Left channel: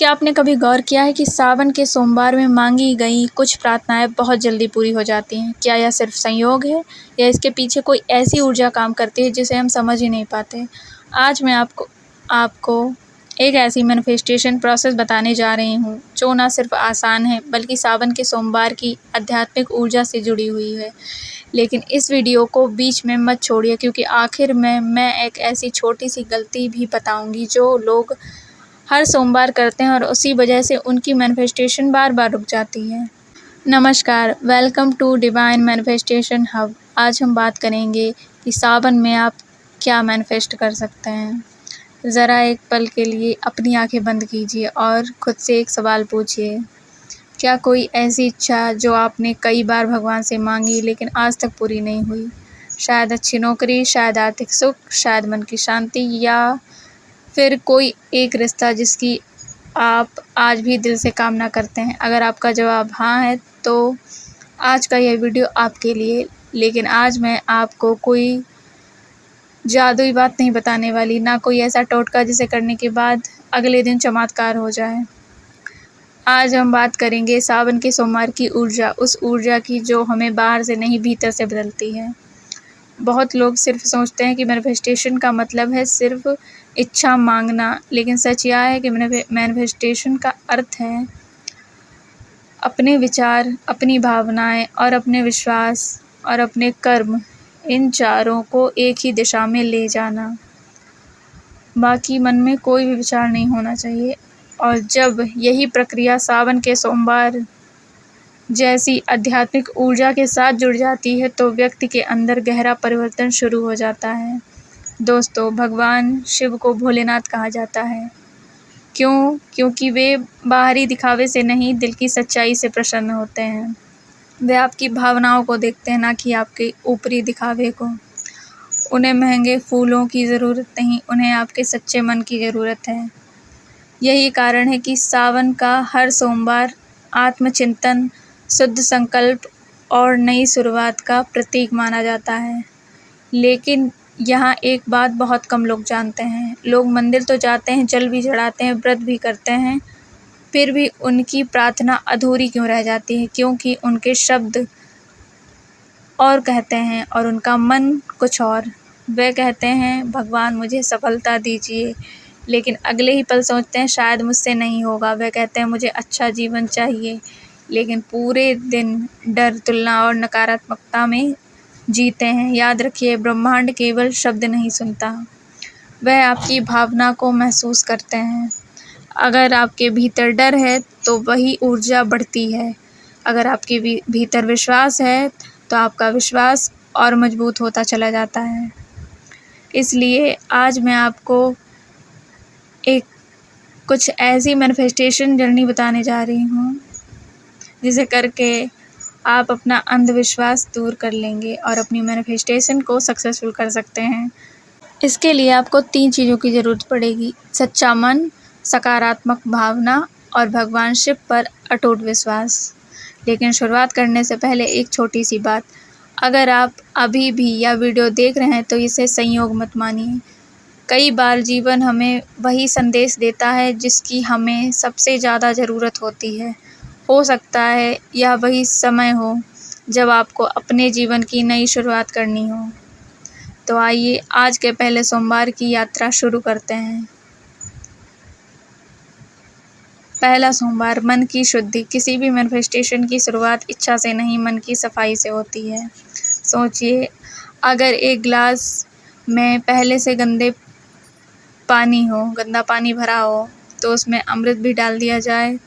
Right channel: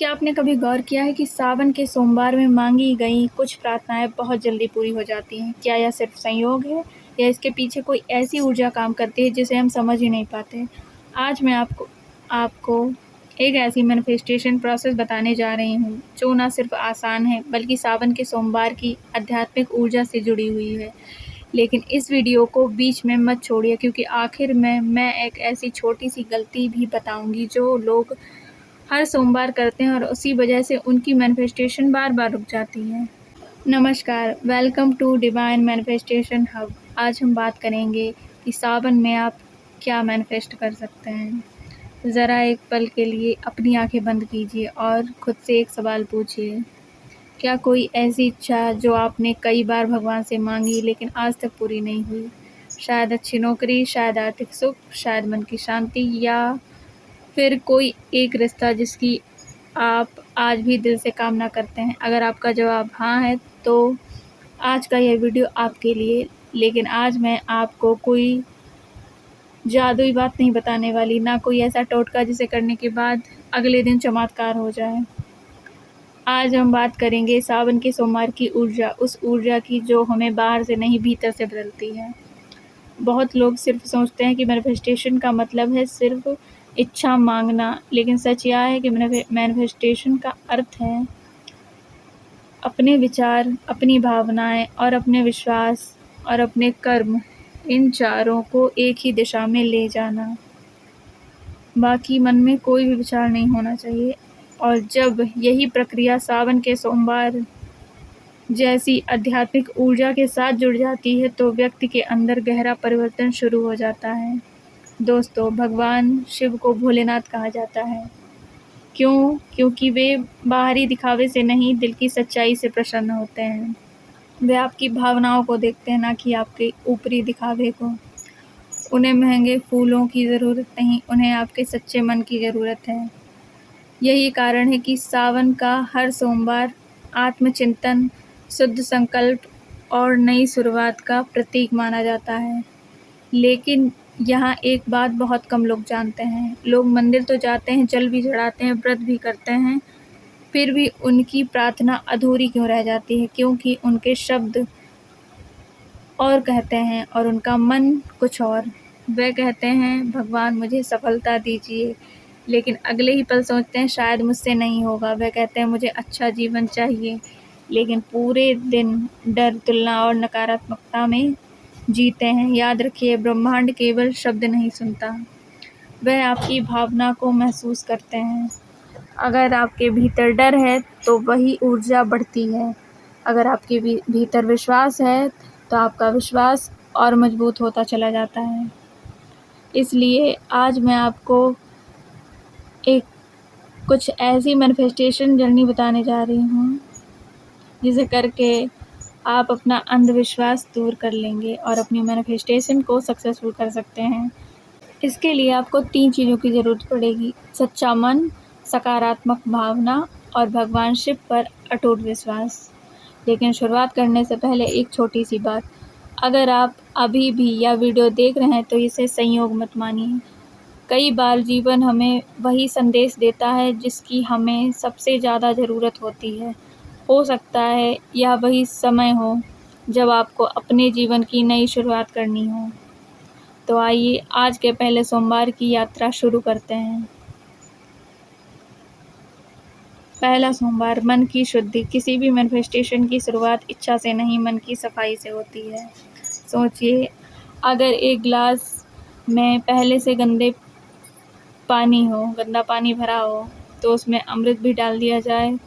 क्या आपने कभी गौर किया है कि सावन के सोमवार में मांगी गई कुछ प्रार्थनाएं बहुत जल्दी पूरी हो जाती हैं? क्या यह सिर्फ संयोग है या इसके पीछे कोई ऐसी ऊर्जा काम करती है जिसे हम समझ ही नहीं पाते? आज मैं आपको आपको एक ऐसी मैनिफेस्टेशन प्रोसेस बताने जा रही हूँ जो ना सिर्फ आसान है बल्कि सावन के सोमवार की आध्यात्मिक ऊर्जा से जुड़ी हुई है। लेकिन इस वीडियो को बीच में मत छोड़िए, क्योंकि आखिर में मैं एक ऐसी छोटी सी गलती भी बताऊंगी जो लोग हर सोमवार करते हैं और उसी वजह से उनकी मैनिफेस्टेशन बार बार रुक जाती है। नमस्कार, welcome to divine manifestation hub. आज हम बात करेंगे कि सावन में आप क्या मैनिफेस्ट कर सकते हैं। ज़रा एक पल के लिए अपनी आंखें बंद कीजिए और खुद से एक सवाल पूछिए, क्या कोई ऐसी इच्छा जो आपने कई बार भगवान से मांगी लेकिन आज तक पूरी नहीं हुई? शायद अच्छी नौकरी, शायद आर्थिक सुख, शायद मन की शांति, या फिर कोई एक रिश्ता जिसकी आप आज भी दिल से कामना करते हैं। अगर आपका जवाब हाँ है तो आज का यह वीडियो आपके लिए। लेकिन आज मैं आपको कोई जादुई बात नहीं बताने वाली, ना कोई ऐसा टोटका जिसे करने के बाद अगले दिन चमत्कार हो जाए। आज हम बात करेंगे सावन के सोमवार की ऊर्जा, उस ऊर्जा की जो हमें बाहर से नहीं भीतर से बदलती है। बहुत लोग सिर्फ सोचते हैं कि मैनिफेस्टेशन का मतलब है सिर्फ इच्छा मांगना, लेकिन सच यह है कि मैनिफेस्टेशन का अर्थ है अपने विचार, अपनी भावनाएं और अपने विश्वास और अपने कर्म, इन चारों को एक ही दिशा में ले जाना। बाकी मन में कोई भी विचार नहीं होना चाहिए। और जब यही प्रक्रिया सावन के सोमवार जैसी आध्यात्मिक ऊर्जा के साथ जुड़ जाती है तो व्यक्ति के अंदर गहरा परिवर्तन शुरू हो जाता है। दोस्तों, भगवान शिव को भोलेनाथ कहा जाता है। क्यों? क्योंकि वे बाहरी दिखावे से नहीं, दिल की सच्चाई से प्रसन्न होते हैं। वे आपकी भावनाओं को देखते हैं, ना कि आपके ऊपरी दिखावे को। उन्हें महंगे फूलों की ज़रूरत नहीं, उन्हें आपके सच्चे मन की ज़रूरत है। यही कारण है कि सावन का हर सोमवार आत्मचिंतन, शुद्ध संकल्प और नई शुरुआत का प्रतीक माना जाता है। लेकिन यहाँ एक बात बहुत कम लोग जानते हैं। लोग मंदिर तो जाते हैं, जल भी चढ़ाते हैं, व्रत भी करते हैं, फिर भी उनकी प्रार्थना अधूरी क्यों रह जाती है? क्योंकि उनके शब्द और कहते हैं और उनका मन कुछ और। वे कहते हैं, भगवान मुझे सफलता दीजिए, लेकिन अगले ही पल सोचते हैं शायद मुझसे नहीं होगा। वे कहते हैं मुझे अच्छा जीवन चाहिए, लेकिन पूरे दिन डर, तुलना और नकारात्मकता में जीते हैं। याद रखिए, ब्रह्मांड केवल शब्द नहीं सुनता, वह आपकी भावना को महसूस करते हैं। अगर आपके भीतर डर है तो वही ऊर्जा बढ़ती है। अगर आपके भीतर विश्वास है तो आपका विश्वास और मजबूत होता चला जाता है। इसलिए आज मैं आपको एक कुछ ऐसी मैनिफेस्टेशन जर्नी बताने जा रही हूँ जिसे करके आप अपना अंधविश्वास दूर कर लेंगे और अपनी मैनिफेस्टेशन को सक्सेसफुल कर सकते हैं। इसके लिए आपको 3 चीज़ों की ज़रूरत पड़ेगी: सच्चा मन, सकारात्मक भावना और भगवान शिव पर अटूट विश्वास। लेकिन शुरुआत करने से पहले एक छोटी सी बात, अगर आप अभी भी यह वीडियो देख रहे हैं तो इसे संयोग मत मानिए। कई बार जीवन हमें वही संदेश देता है जिसकी हमें सबसे ज़्यादा ज़रूरत होती है। हो सकता है यह वही समय हो जब आपको अपने जीवन की नई शुरुआत करनी हो। तो आइए आज के पहले सोमवार की यात्रा शुरू करते हैं। पहला सोमवार, मन की शुद्धि। किसी भी मैनिफेस्टेशन की शुरुआत इच्छा से नहीं, मन की सफाई से होती है। सोचिए, अगर एक गिलास में पहले से गंदा पानी भरा हो तो उसमें अमृत भी डाल दिया जाए,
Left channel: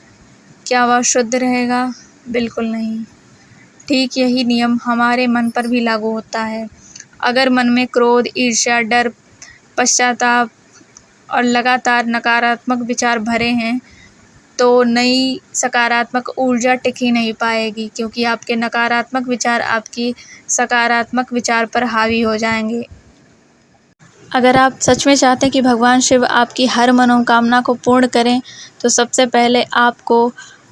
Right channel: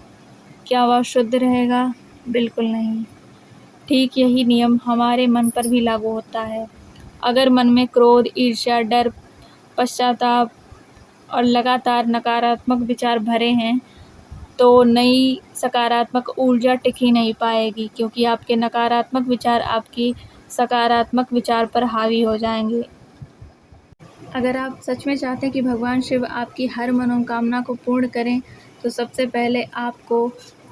क्या वह शुद्ध रहेगा? बिल्कुल नहीं। ठीक यही नियम हमारे मन पर भी लागू होता है। अगर मन में क्रोध, ईर्ष्या, डर, पश्चाताप और लगातार नकारात्मक विचार भरे हैं तो नई सकारात्मक ऊर्जा टिक ही नहीं पाएगी, क्योंकि आपके नकारात्मक विचार आपकी सकारात्मक विचार पर हावी हो जाएंगे। अगर आप सच में चाहते हैं कि भगवान शिव आपकी हर मनोकामना को पूर्ण करें तो सबसे पहले आपको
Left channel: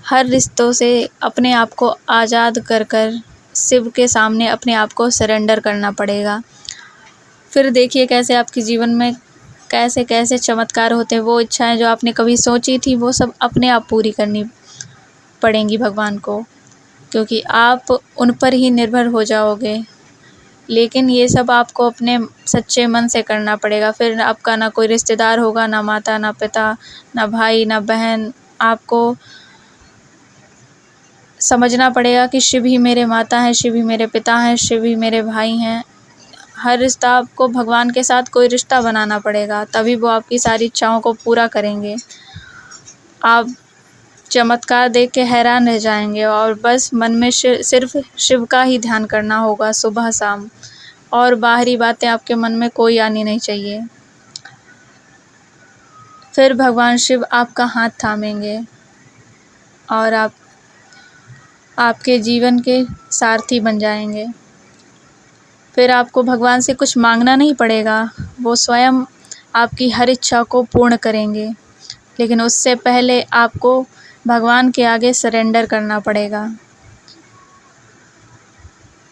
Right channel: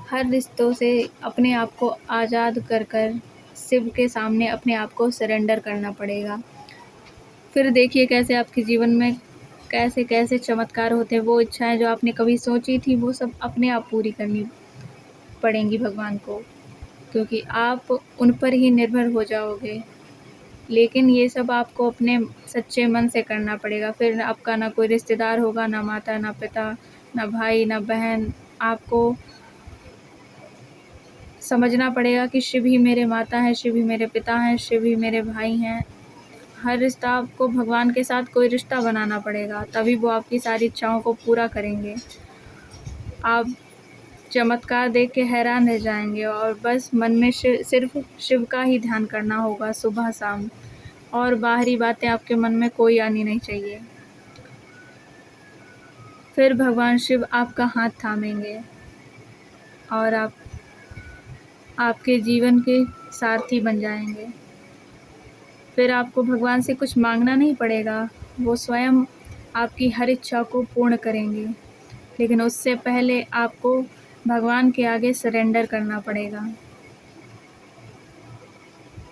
हर रिश्तों से अपने आप को आज़ाद कर शिव के सामने अपने आप को सरेंडर करना पड़ेगा। फिर देखिए कैसे आपके जीवन में कैसे कैसे चमत्कार होते हैं। वो इच्छाएं जो आपने कभी सोची थी वो सब अपने आप पूरी करनी पड़ेंगी भगवान को, क्योंकि आप उन पर ही निर्भर हो जाओगे। लेकिन ये सब आपको अपने सच्चे मन से करना पड़ेगा। फिर आपका ना कोई रिश्तेदार होगा, ना माता, ना पिता, ना भाई, ना बहन। आपको समझना पड़ेगा कि शिव ही मेरे माता हैं, शिव ही मेरे पिता हैं, शिव ही मेरे भाई हैं। हर रिश्ता आपको भगवान के साथ कोई रिश्ता बनाना पड़ेगा, तभी वो आपकी सारी इच्छाओं को पूरा करेंगे। आप चमत्कार देख के हैरान रह जाएंगे और बस मन में सिर्फ शिव का ही ध्यान करना होगा सुबह शाम, और बाहरी बातें आपके मन में कोई आनी नहीं चाहिए। फिर भगवान शिव आपका हाथ थामेंगे और आपके जीवन के सारथी बन जाएंगे। फिर आपको भगवान से कुछ मांगना नहीं पड़ेगा, वो स्वयं आपकी हर इच्छा को पूर्ण करेंगे। लेकिन उससे पहले आपको भगवान के आगे सरेंडर करना पड़ेगा,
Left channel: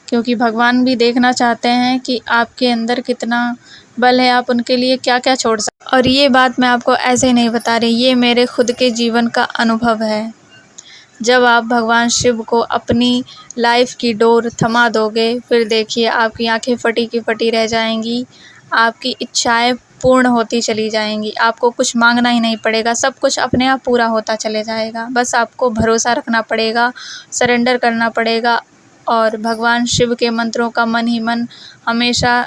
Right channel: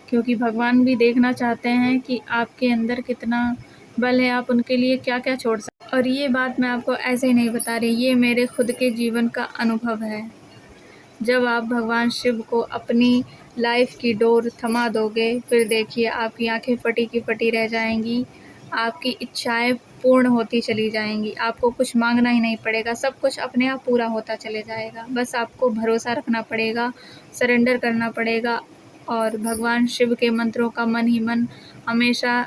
क्योंकि भगवान भी देखना चाहते हैं कि आपके अंदर कितना बल है, आप उनके लिए क्या क्या छोड़ सकते। और ये बात मैं आपको ऐसे ही नहीं बता रही, ये मेरे खुद के जीवन का अनुभव है। जब आप भगवान शिव को अपनी लाइफ की डोर थमा दोगे, फिर देखिए आपकी आंखें फटी की फटी रह जाएंगी, आपकी इच्छाएं पूर्ण होती चली जाएंगी। आपको कुछ मांगना ही नहीं पड़ेगा, सब कुछ अपने आप पूरा होता चले जाएगा। बस आपको भरोसा रखना पड़ेगा, सरेंडर करना पड़ेगा और भगवान शिव के मंत्रों का मन ही मन हमेशा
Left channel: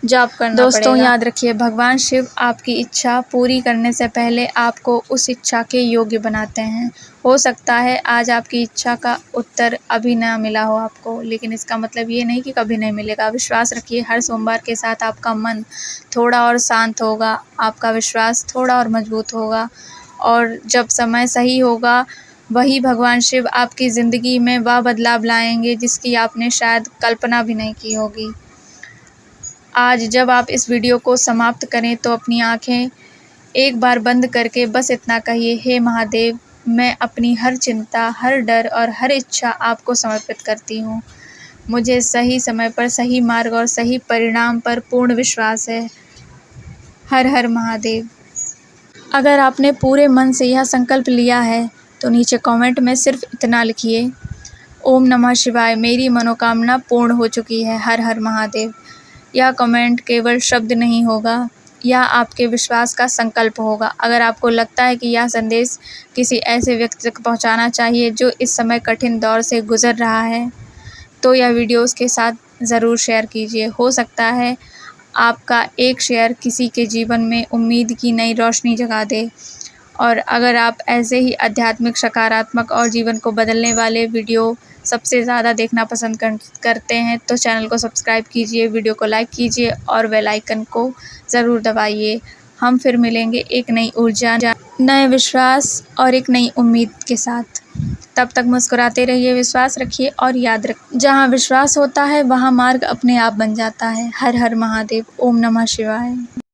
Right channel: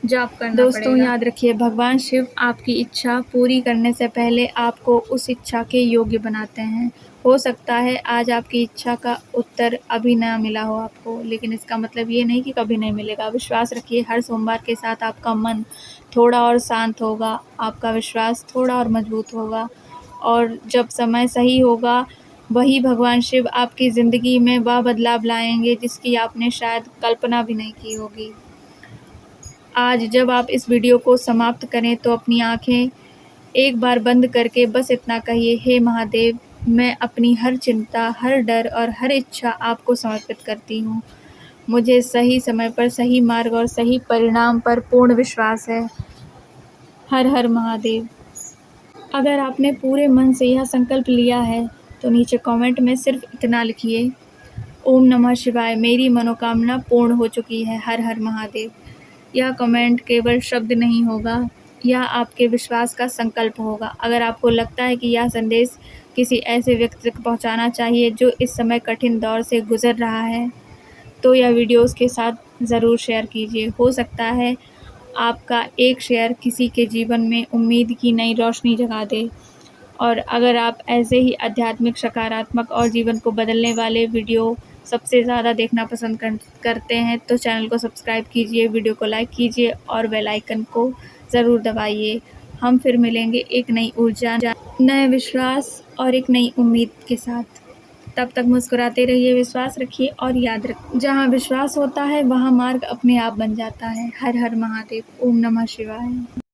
जाप करना दोस्तों पड़ेगा। याद रखिए, भगवान शिव आपकी इच्छा पूरी करने से पहले आपको उस इच्छा के योग्य बनाते हैं। हो सकता है आज आपकी इच्छा का उत्तर अभी ना मिला हो आपको, लेकिन इसका मतलब ये नहीं कि कभी नहीं मिलेगा। विश्वास रखिए, हर सोमवार के साथ आपका मन थोड़ा और शांत होगा, आपका विश्वास थोड़ा और मजबूत होगा, और जब समय सही होगा वही भगवान शिव आपकी ज़िंदगी में वह बदलाव लाएंगे जिसकी आपने शायद कल्पना भी नहीं की होगी। आज जब आप इस वीडियो को समाप्त करें तो अपनी आंखें एक बार बंद करके बस इतना कहिए, हे महादेव, मैं अपनी हर चिंता, हर डर और हर इच्छा आपको समर्पित करती हूँ। मुझे सही समय पर सही मार्ग और सही परिणाम पर पूर्ण विश्वास है। हर हर महादेव। अगर आपने पूरे मन से यह संकल्प लिया है तो नीचे कमेंट में सिर्फ इतना लिखिए, ओम नमः शिवाय, मेरी मनोकामना पूर्ण हो चुकी है, हर हर महादेव। यह कमेंट केवल शब्द नहीं होगा, यह आपके विश्वास का संकल्प होगा। अगर आपको लगता है कि यह संदेश किसी ऐसे व्यक्ति तक पहुंचाना चाहिए जो इस समय कठिन दौर से गुजर रहा है, तो यह वीडियो उसके साथ ज़रूर शेयर कीजिए। हो सकता है आपका एक शेयर किसी के जीवन में उम्मीद की नई रोशनी जगा दे। और अगर आप ऐसे ही आध्यात्मिक, सकारात्मक और जीवन को बदलने वाले वीडियो सबसे ज़्यादा देखना पसंद करते हैं तो चैनल को सब्सक्राइब कीजिए, वीडियो को लाइक कीजिए और बेल आइकन को ज़रूर दबाइए। हम फिर मिलेंगे एक नई ऊर्जा, नए विश्वास और एक नई उम्मीद के साथ। तब तक मुस्कुराते रहिए, विश्वास रखिए और याद रखिए, जहाँ विश्वास होता है वहाँ मार्ग अपने आप बन जाता है। हर हर महादेव। ओम नमः शिवाय।